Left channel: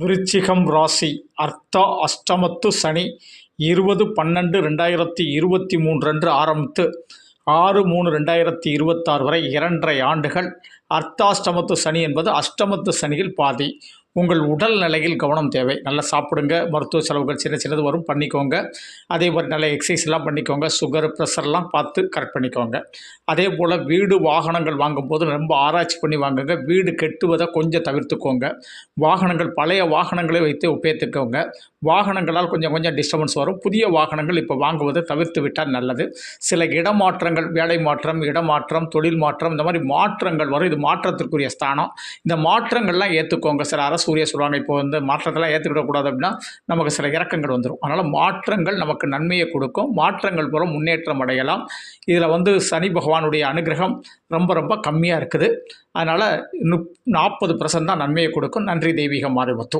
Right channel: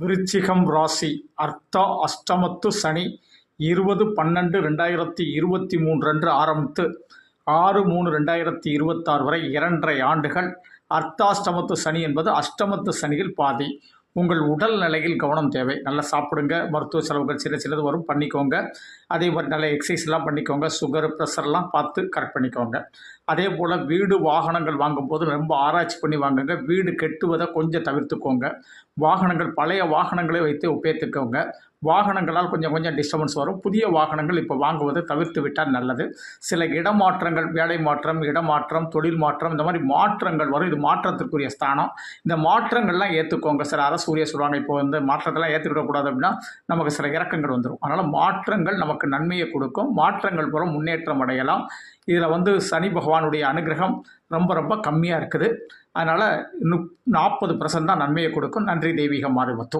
விருச்சிகம் ராசி அர்த்தா அஷ்டமத்து சனி 20/12/2023 அன்று ஆரம்பித்து 6/3/2026 வரை 2.5 ஆண்டுகள். அர்த்தாஷ்டமத்து சனி என்பது அஷ்டமத்து சனியில் பாதி. உங்கள் உடல் நிலையில் கவனம் தேவை. நல்லா சாப்பிடுங்க. மருத்துவ செலவுகள் சின்ன சின்னது வரும், பண்ணிக்கோங்க. அதே மாதிரி நல்ல எக்ஸசைஸ்லாம் பண்ணிக்கோங்க. சுகர் ப்ரெஷர்லாம் பார்த்து கரெக்ட் பண்ணிக்கோங்க. அதே போல் வீடு வாகனங்கள் வாங்கும்போது ரொம்ப ஆராய்ச்சி பண்ணி வாங்குங்க. வீடு கெட்டுவதை கொஞ்சம் தவிர்த்துக்கோங்க. வாகனங்கள் பழைய வாகனங்களை வைத்து ஒப்பேற்றுக்கோங்க. வாகனங்களால் கொஞ்சம் கொஞ்சம் டிஸ்டர்பன்ஸ் வரும். புதிய வாகனங்கள் இப்போ வாங்குவதை தவிர்த்து விட்டால் நல்லது. சில இடமாற்றங்கள், வேலை மாற்றம், இடமாற்றம், தொழில் மாற்றம், இந்த மாதிரி மாற்றங்கள் வரும். இது மாற்றத்திற்குரிய ஸ்தானம். இந்த மாற்றங்கள்லாம் ஏற்றுக்கோங்க. சில அரசூரிய சொல்லுவாங்க, இப்போ மாற்றத்தெல்லாம் ஏற்றுக்கிடக்கூடாது அப்படின்னா நமக்கு சில இறக்கங்கள் வந்துடும். அதனால் மாற்றங்கள் நமக்கு நன்மையை கொடுக்கும். மாற்றங்கள் மூலம் முன்னேற்றம் அடையலாம். இதில் சனி பகவானுடைய அனுகிரகம் ரொம்ப ரொம்ப கம்மியாக இருக்குது. அதனால் 40% தான் நன்மையை கொடுக்கும். நன்றி தெய்வீகம் மாரிமுத்து.